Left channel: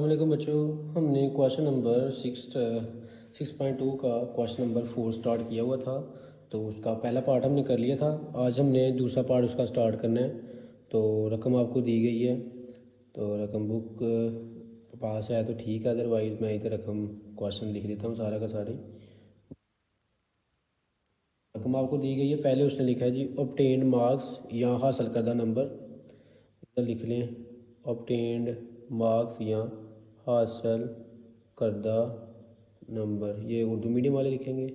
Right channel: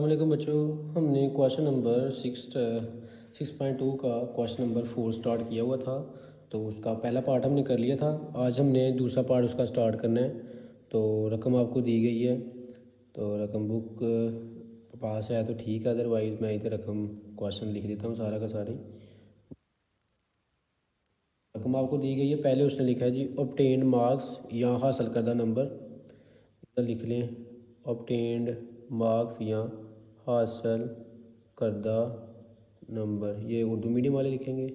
अस्सलामुअलैकुम बच्चों, हमने क्वेश्चन नंबर 6.2 का क्वेश्चन नंबर 4 स्टार्ट किया हुआ था। तो उसका पहला पार्ट हमने कर लिया था। आज हमने दूसरा पार्ट उसका स्टार्ट करना है। तो रकम आपको दी गई है, तो रकम बुक पास है तो ठीक है, अदरवाइज मैं इधर रकम क्वेश्चन लिख देता हूँ सारा का सारे। रकम आपको दी गई है, पहले उसने लिखा है जी ऑब्टेन मार्क्स या हासिल करदा नंबर। लिख लें ऑब्टेन्ड मार्क्स या हासिल करदा नंबर, ये उर्दू मीडियम वाले लिखेंगे।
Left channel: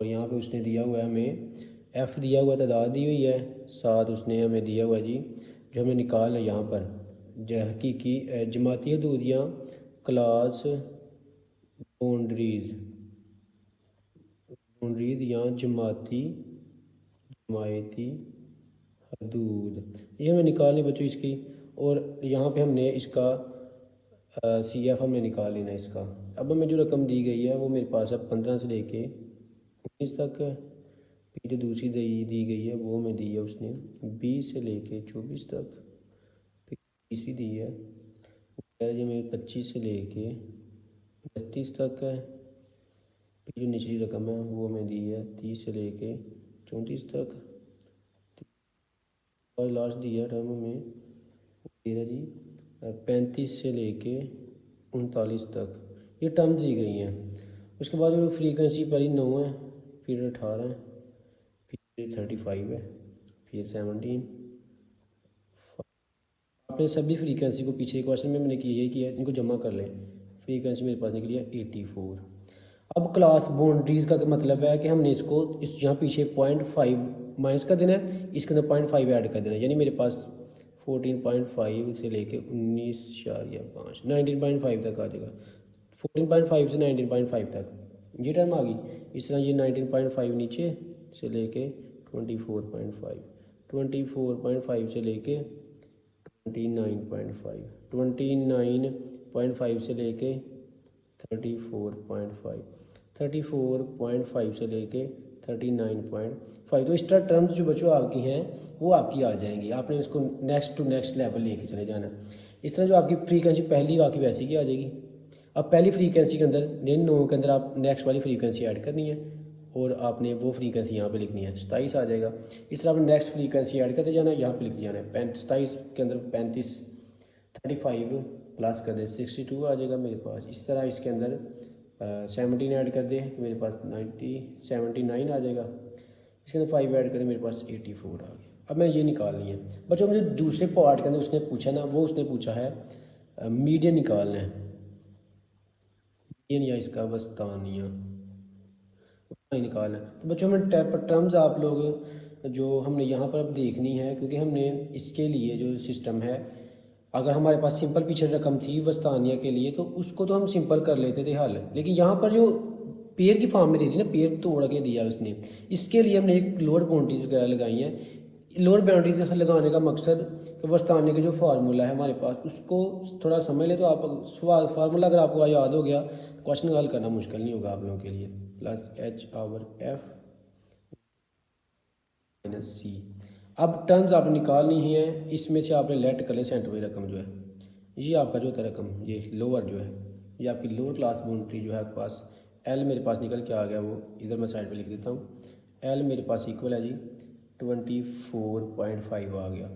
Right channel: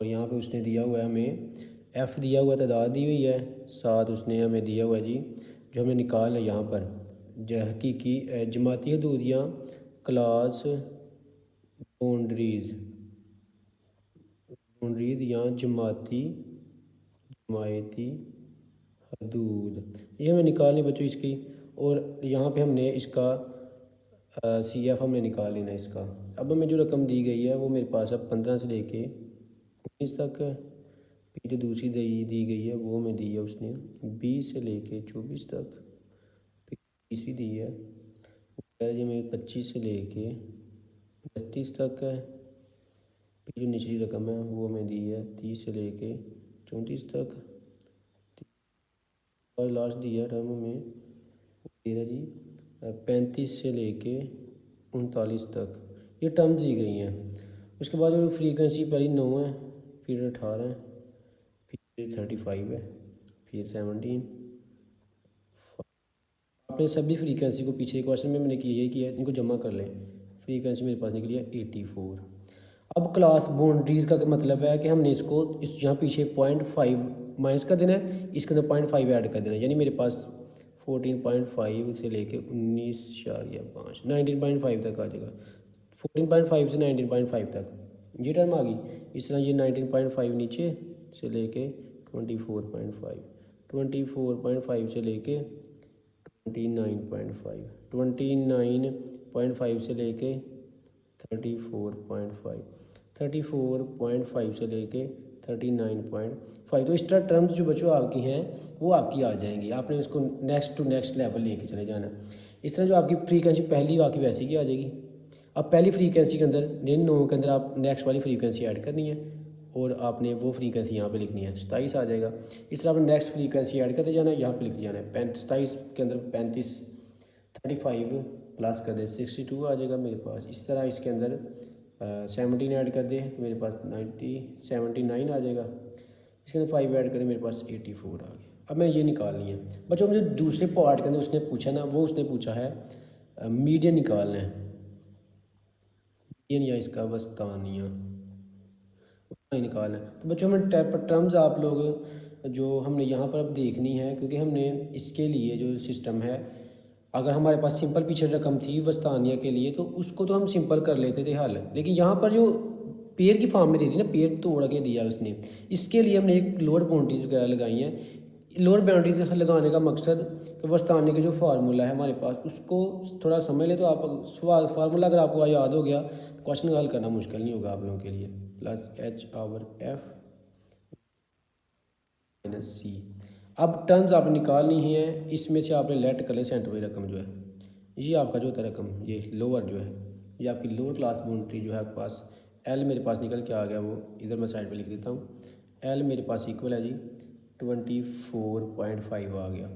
और यहाँ पे उसने दिया हुआ है हमें एफ़ दिया हुआ, तादाद दी हुई है, साथ उसने हमें दिया हुआ है जी जो हमें निकाल है यहाँ पर हकीकी जमाती हदूदियाँ क्लास बाउंड्रीज या जमायती हदूद, ये हमें निकालने बच्चों इसकी। और यहाँ पे हमने इसका CF हमें निकाल लेना है इसका। अब हमें जो रकम दी गई है वो मेरे पास अब 15 से लेके 19 तक है। फिर दूसरी दी गई है वो हमें दी है उसने 20 से लेके 24 तक। तीसरी दी है जो हमें 25 से लेके 32 तक है। फिर जो निचली रकम है वो हमें दी है 30 से लेके 34 तक। और लास्ट दिया है टाइम हमें जी 35 से लेके 39 तक, ये टर्म दी गई हैं। उसके बाद में फ्रीक्वेंसी पहले 9 है, फिर 18 है, फिर 35 है, फिर 17। आपने सभी फ्रीक्वेंसी को पीछे क्वेश्चन में मैंने ये किया, इनको जमा कर लें। फ्रीक्वेंसी मेरे पास निकली है 84। अब क्लास बाउंड्रीज का मतलब है कि हमने इसको इस यहाँ पीछे 0.5 माइनस कर देना है, इसके अंदर 0.5 ऐड कर देना है। यानी मेरे पास 14.5 से लेके 19.5 19.5 तक आ जाएगा। 14.5 से 19.5 तक ये टर्म आ गई। इस तरह ये 19.5 नीचे से लेके 24.5, 24.5 से लेके 29.5, 29.5 से लेके 34.5, 34.5 से लेके 39.5। तो इस तरह टर्म्स जो बच्चों आपकी हैं वो आपकी आ जाएंगी। आपने इसको नेक्स्ट टू नेक्स्ट लेवल लेके चले जाना। इस तरह जो आपकी फ्रीक्वेंसी पहली आपकी वैसी की आ जाएगी। अब पहली फ्रीक्वेंसी के अंदर इन 9 के अंदर आप नेक्स्ट वाली फ्रीक्वेंसी ऐड करनी है और आपने वो फ्रीक्वेंसी यहाँ पे लिखनी है, 27 आ जाएगा। इस तरह आपने नेक्स्ट फ्रीक्वेंसी ऐड करते जाना है, यहाँ पे लिख जाना है 27 के अंदर 35, 35 प्लस कर दे 62 आ जाएगा मेरे पास। इस तरह इसके अंदर 17 ऐड कर दे मेरे पास 79 आ जाएगा। इसके अंदर 5 ऐड करें मेरे पास 84 आ गया। अब मैं ये निकालनी है बच्चों। मुझे दूसरे पार्ट के अंदर उसने पूछा ना, वो उसने पूछा है मीडियन निकालना है, ये नहीं है इसका वस्तानिया निकालना है। तो बच्चों हमने टर्म्स आप लोग जो हमने यहाँ पर अब देखनी है, क्योंकि हमने इसके लिए जो सिस्टम है, अगर हमारे पास सिंपल पीछे रकम थी वस्तानिया के लिए तो उसको तो हम सिंपल कर लेते थे हल, लेकिन यहाँ पर जो पेयर की फॉर्म में दे दी ना, पेयर तोड़ के दिया उसने, इसके लिए हमने एक लोअर बाउंड्रीज वगैरह लगाई हैं। लोअर बाउंड्रीज लगाने का मकसद तो वस्तानिया का जो फार्मूला है हमारे पास उसको थोड़ा समझ ले तो आप फार्मूला अगर आपको याद हो गया क्वेश्चन हल करना मुश्किल नहीं होगा आप लोगों के लिए। Plus H power F minus C. अब टर्म्स आप निकालनी ही है, इसमें से आपने लेट कर ले सेंटर में रकम जो है, ये आपका जो होता है रकम, ये लोअर जो है, ये आपकी लोअर क्लास बाउंड्री जो है आपके पास एल मेरे पास निकल के आ गया, वो इधर मैं साइड पे लिख देता हूँ। एल मेरे पास इक्वल है जी 24.5 आ गया।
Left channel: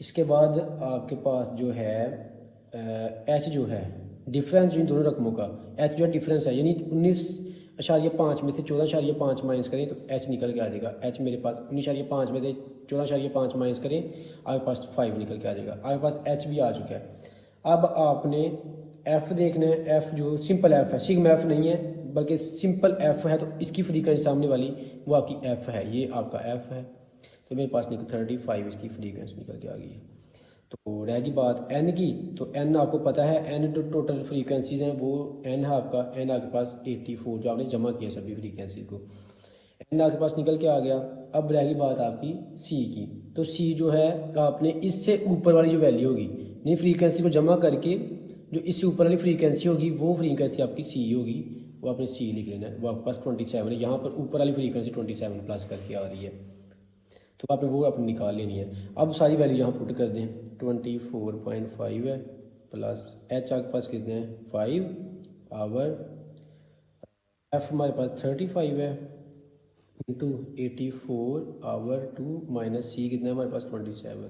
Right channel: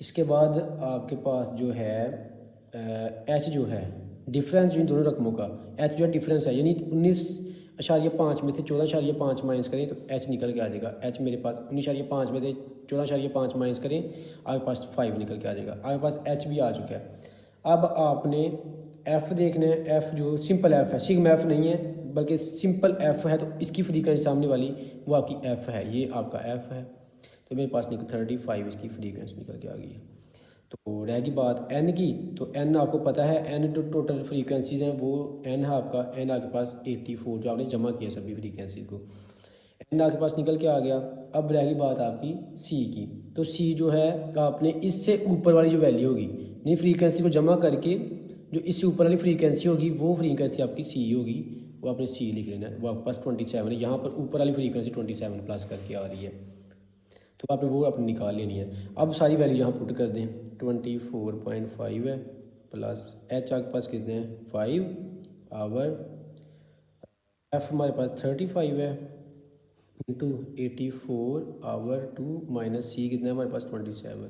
इसके बाद आपके पास जो है एच जो है डिफरेंस इन दोनों रकमों का, एच जो डिफरेंस है, यानी 19.5 में से 14.5 माइनस करें तो एच निकल के आ जाएगा। एच मेरे पास 19.5 में से 14.5 माइनस करें आपके पास 5 निकल के आ जाएगा। आपके पास एच भी आ चुका है। अब आपने एफ देखना है, एफ जो सिंपल एफ है, सिग्मा एफ नहीं है बल्कि सिंपल एफ है, तो इसकी फ्रीक्वेंसी सामने वाली वो आपकी एफ है, ये आपका एफ है। तो मेरे पास निकल 35 इसकी फ्रीक्वेंसी निकल के आ गई है। तो रहेगी बात एन की, तो एन आपको पता है, एन जो टोटल फ्रीक्वेंसीज हैं वो एन है आपका, एन आपके पास 84 जो आपने जमा किया सभी फ्रीक्वेंसी को, एन आपके पास निकल के आ गया। अब रहेगी बात आपकी सी की, तो सी जो है आपने इससे ऊपर वाली जो वैल्यू होगी, नहीं फ्रीक्वेंसी को जमा करके जो इससे ऊपर वाली फ्रीक्वेंसी होगी वो फ्रीक्वेंसी आपकी सी होगी, वो आपने सी लिख लेना है। वो आपके पास 27 है, यहाँ पर ऊपर वाली फ्रीक्वेंसी 27 प्लस करके आ रही है, तो आपने वो अपनी निकाल लेनी है। अब सारी वैल्यू यहाँ पुट कर दें, 24.5 है प्लस एच आपके पास कितने हैं 5 आवर, एफ हमारे पास 35 है इंटू 84 आवर 2 माइनस सी कितने हमारे पास 27।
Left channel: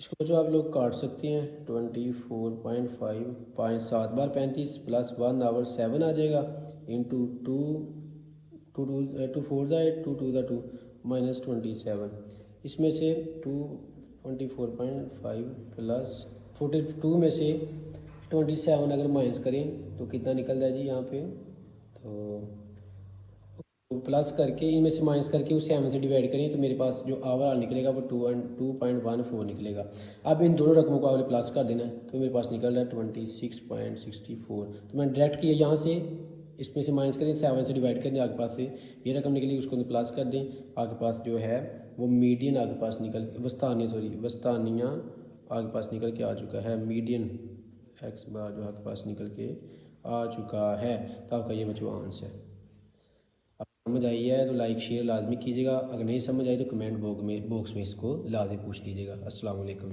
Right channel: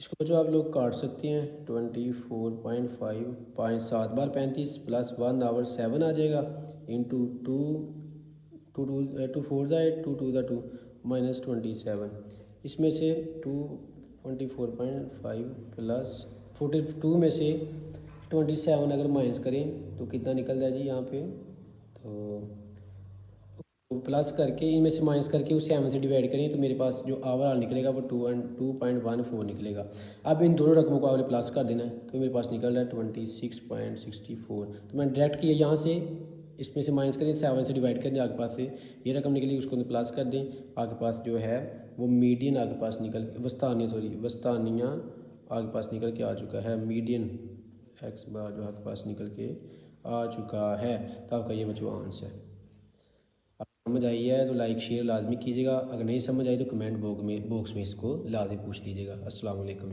इसको जो आप लोग काट सकते हैं 24.5 5 7 बार 35 प्लस 1 आवर 7 आ जाएगा इंटू 2 टू 4 ज़ा 8 2 2 ज़ा 2 माइनस 27। इसमें से 24.5 प्लस 42 में से 27 अगर माइनस करें तो कितना निकल जाए जी यहाँ पे, तो प्लस करके इनमें से माइनस करके उसे 7 से डिवाइड करें तो मेरे पास जो ओवरऑल निकलेगा वो 2.14 निकलेगा। अब इन दोनों रकमों को आपने प्लस कर देना है तो मेरे पास निकल रहा है 26.64। तो मैंने डायरेक्ट किया यहाँ से, इसमें से माइनस करें 7 से डिवाइड करें, आपके पास से ये रकम निकली उसको प्लस कर दें, आपके पास जो है वो मीडियन आपके पास वस्तानिया आपके पास निकल के आ चुका है, मीडियन एक्स बार जो आपके पास निकल के आ चुका है। तो आपका ये बच्चों आंसर है। समझ आई है तो लाइक शेयर लाजमी कीजिएगा, अगर नहीं समझ आई तो कमेंट बॉक्स में इसको लाजमी पूछ लीजिएगा। अस्सलाम वालेकुम।